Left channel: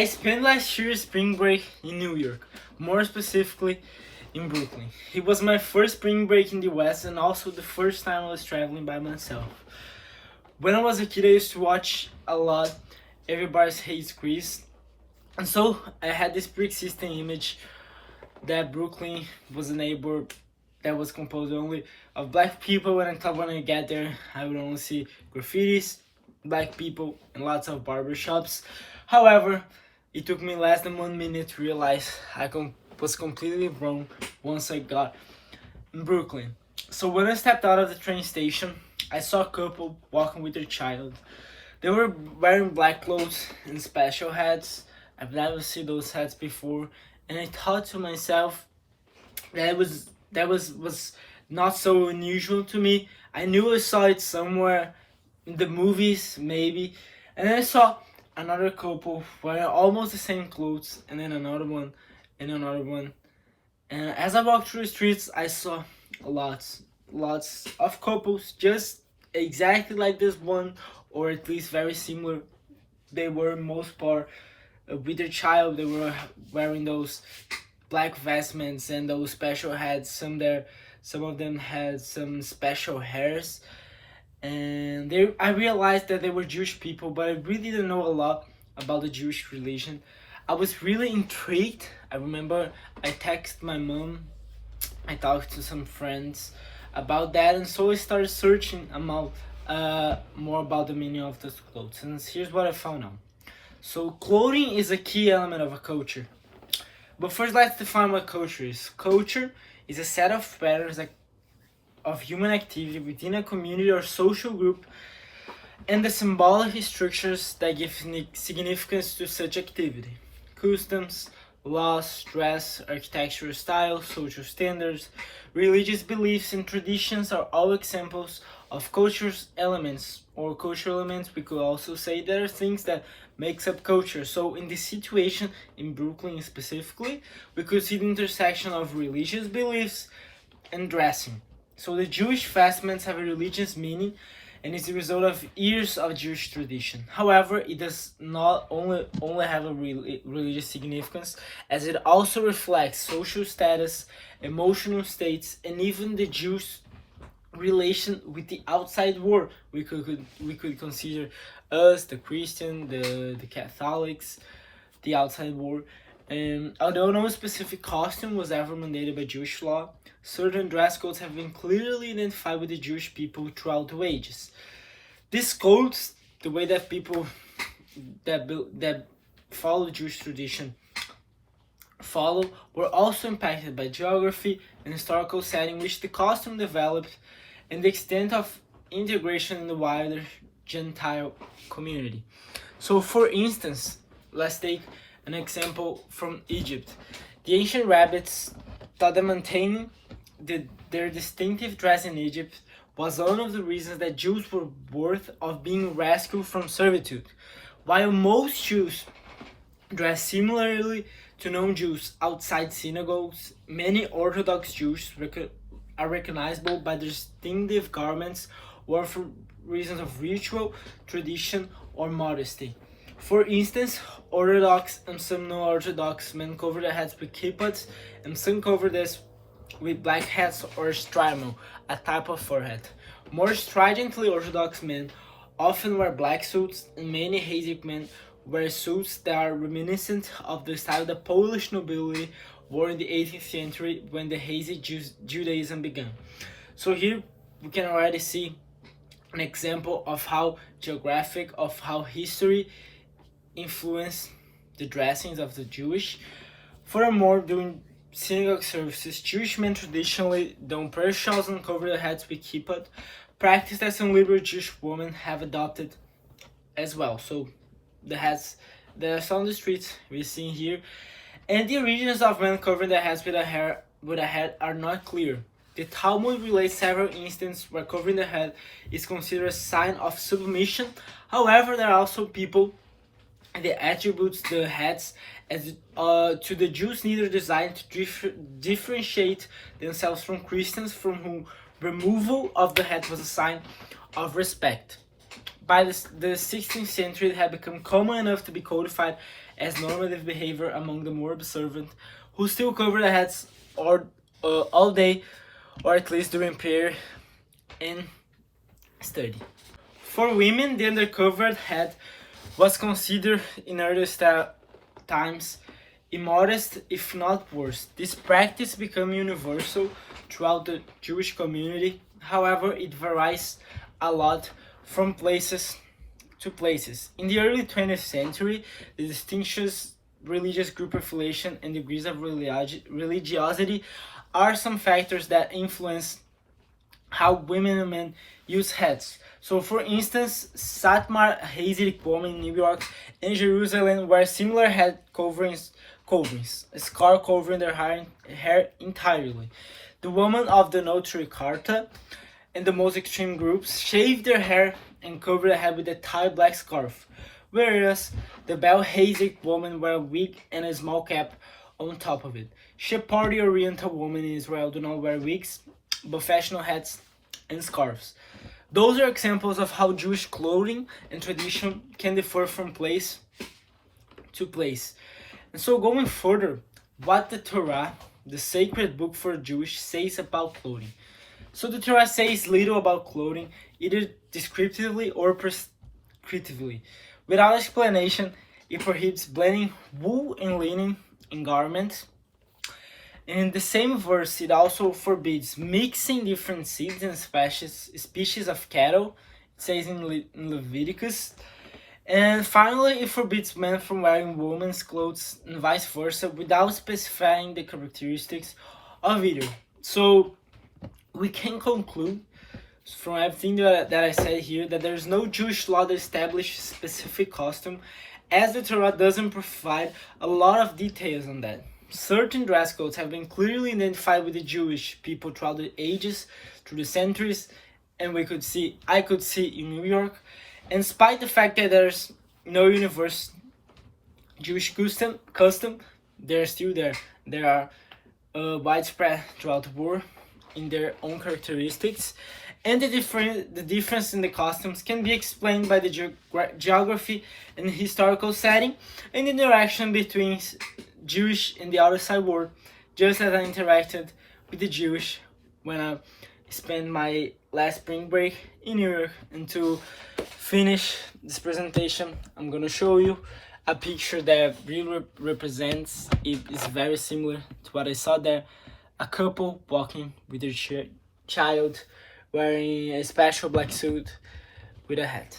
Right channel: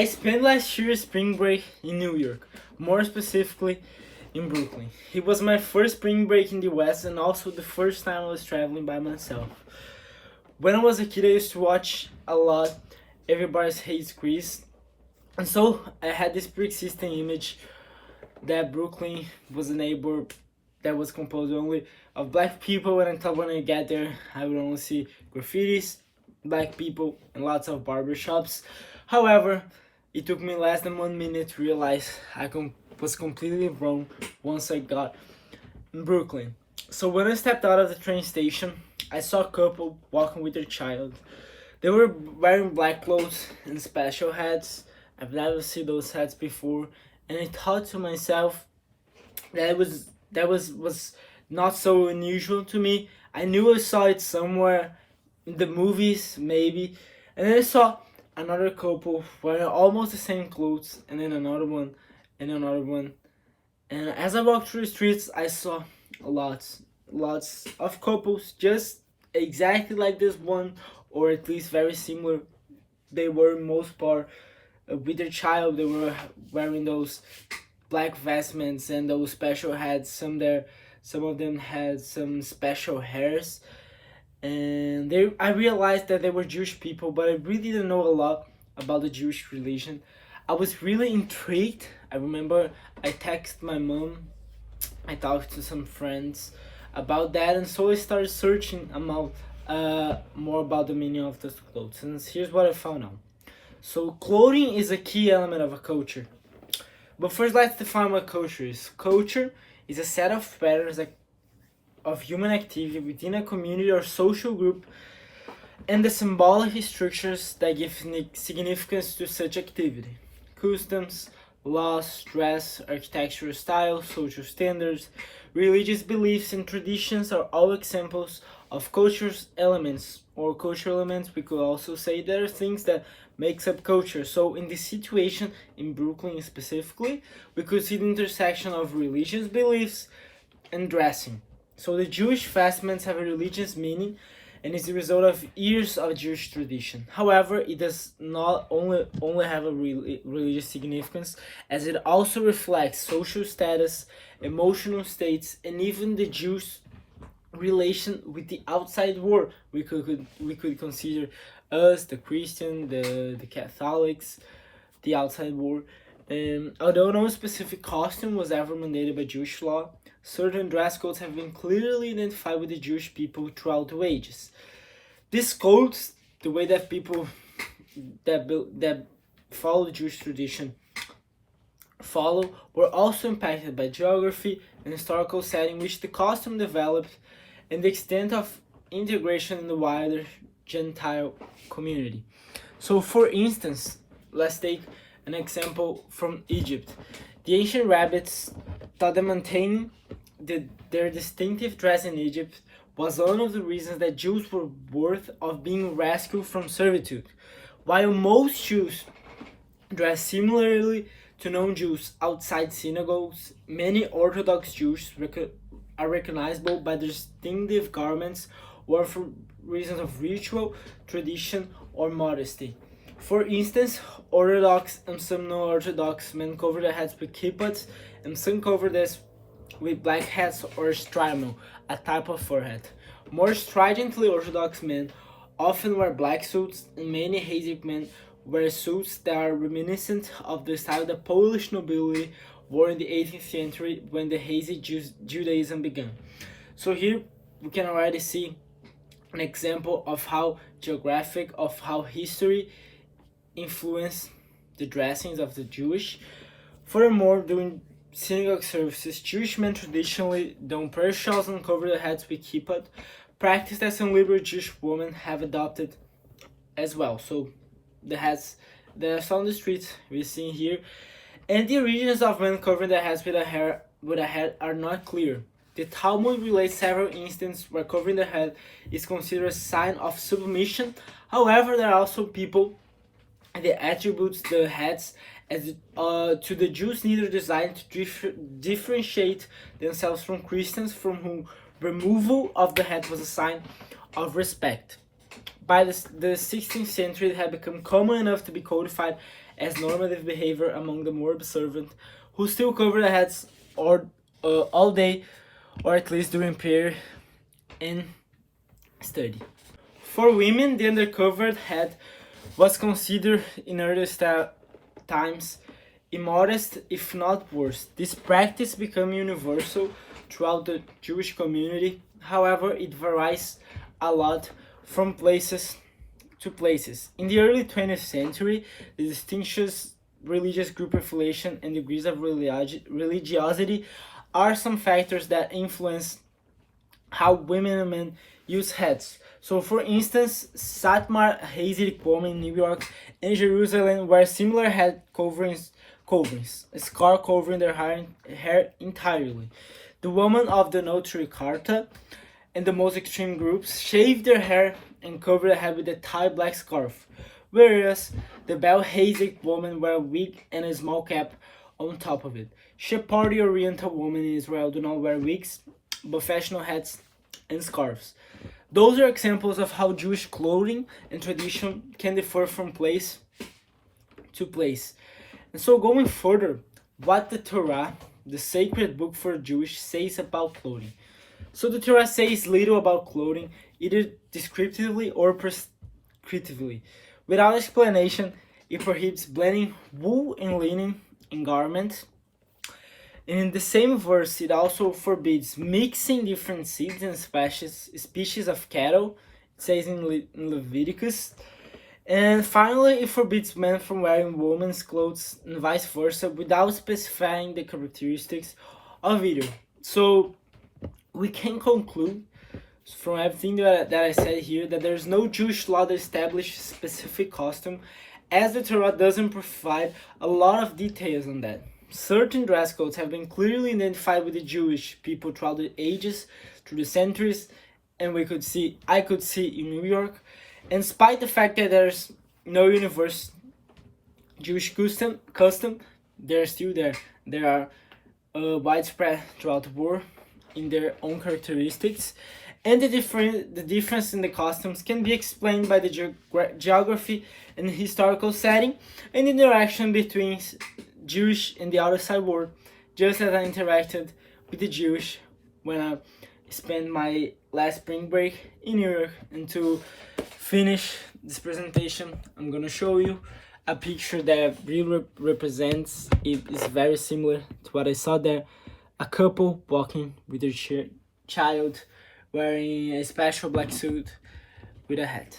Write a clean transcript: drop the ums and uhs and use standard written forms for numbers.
I spent last year's spring break in New York, more specifically in Brooklyn. It was my first spring break in the West and also the first time I was traveling by myself. When I was a kid, I used to watch a lot Everybody Hates Chris, and so I had this pre-existing image that Brooklyn was a neighborhood that was composed only of black people, and I thought when I get there, I would only see graffitis, black people, and lots of barbershops. However, it took me less than 1 minute to realize I was completely wrong once I got in Brooklyn. So when I stepped out of the train station, I saw a couple walking with their child. They were wearing black clothes and special hats. I've never seen those hats before, and I thought to myself that was not so unusual to me. I knew I saw it somewhere in the movies, maybe, and then I saw another couple wearing almost the same clothes, and then another one, and another one. And as I walked through the streets, I saw lots of couples just exactly like this one, or at least very similar. They were most part with their child. They were wearing those black vestments and those special hats. Some of them had some special hairs, and I realized that they were Jewish people, but I really didn't know a lot about the Jewish religion. I was really intrigued. I remember I texted my mom, I talked to some friends about that, and so I started searching about more about the meaning of those clothes. And here's what I found out. So clothing is a key element of a culture. But first, let's define what culture is. Culture is a set of patterns of human activity within a community or social group, and the symbolic structures that give significance to such activity. Customs, laws, dress, architectural styles, social standards, religious beliefs, and traditions are all examples of cultural elements, or cultural elements. We could also say there are things that makes up culture. So in this situation, in Brooklyn specifically, we could see the intersection of religious beliefs and dressing. So the Jewish vestments have a religious meaning and is the result of years of Jewish tradition. However, it does not only have a religious significance, as it also reflects social status, emotional states, and even the Jews' relation with the outside world. We could consider us, the Christian, the Catholics, the outside world. And although no specific costume was ever mandated by Jewish law, certain dress codes have been clearly identified with the Jewish people throughout the ages. These codes, the way that people that follow the Jewish tradition were also impacted by geography and historical setting in which the costume developed, and the extent of integration in the wider Gentile community. So for instance, let's take an example from Egypt. The ancient rabbis thought that maintaining their distinctive dress in Egypt was one of the reasons that Jews were worthy of being rescued from servitude. While most Jews dress similarly to non-Jews outside synagogues, many Orthodox Jews are recognizable by their distinctive garments or for reasons of ritual, tradition, or modesty. For instance, Orthodox and some non-Orthodox men cover their heads with kippas, and some cover this with black hats or strimel, a type of fur hat. More stridently Orthodox men often wear black suits, and many Hasidic men wear suits that are reminiscent of the style that Polish nobility wore in the 18th century when the Hasidic Judaism began. So here we can already see an example of how history influenced the dressings of the Jewish. Furthermore, during synagogue services, Jewish men traditionally don prayer shawls and cover their heads with kippah, practice that some liberal Jewish women have adopted as well. So the hats that are on the streets we see here, and the origins of men covering their heads with a hat are not clear. The Talmud relates several instances where covering the head is considered a sign of submission. However, there are also people that attribute the heads as to the Jews, neither designed to differentiate themselves from Christians, from whom removal of the head was a sign of respect. by the 16th century, it had become common enough to be codified as normative behavior among the more observant, who still cover their heads all day, or at least during prayer and study. For women, the undercovered head was considered in earlier times immodest, if not worse. This practice became universal throughout the Jewish community. However, it varies a lot from places to places. In the early 20th century, the distinctions religious group affiliation and degrees of religiosity are some factors that influence how women and men use hats. So, for instance, Satmar Hasidic women in New York and Jerusalem wear similar head coverings, a scarf covering their hair entirely. The women of the Notary Carta and the most extreme groups shave their hair and cover their head with a tight black scarf, whereas the Bel Hasidic women wear a wig and a small cap on top of it. Sephardi Oriental women in Israel do not wear wigs, but fashionable hats and scarves. Those are examples of how Jewish clothing and tradition can differ from place to place. And so going further, what the Torah, the sacred book for Jewish, says about clothing. So the Torah says little about clothing, either descriptively or prescriptively. Without explanation, it prohibits blending wool and linen in garments. And in the same verse, it also forbids mixing different seeds and species of cattle, it says in Leviticus. And finally, it forbids men from wearing women's clothes and vice versa without specifying the characteristics of either. So we can conclude from everything that I said here that there is no Jewish law that establishes specific costume, as the Torah doesn't provide a lot of details on that. Certain dress codes have been clearly identified with the Jewish people throughout the ages, through the centuries, and I could see in New York. And despite the fact that there's no universal Jewish custom, they're still there. They are widespread throughout the world in their own characteristics. And the difference in the costumes can be explained by the geography and historical setting and the interaction between Jewish and the outside world, just as I interacted with the Jewish when I spent my last spring break in New York. And to finish this presentation, I'm gonna show you a picture that really represents it. Is very similar to what I saw there. A couple walking with their child wearing a special black suit with a hat.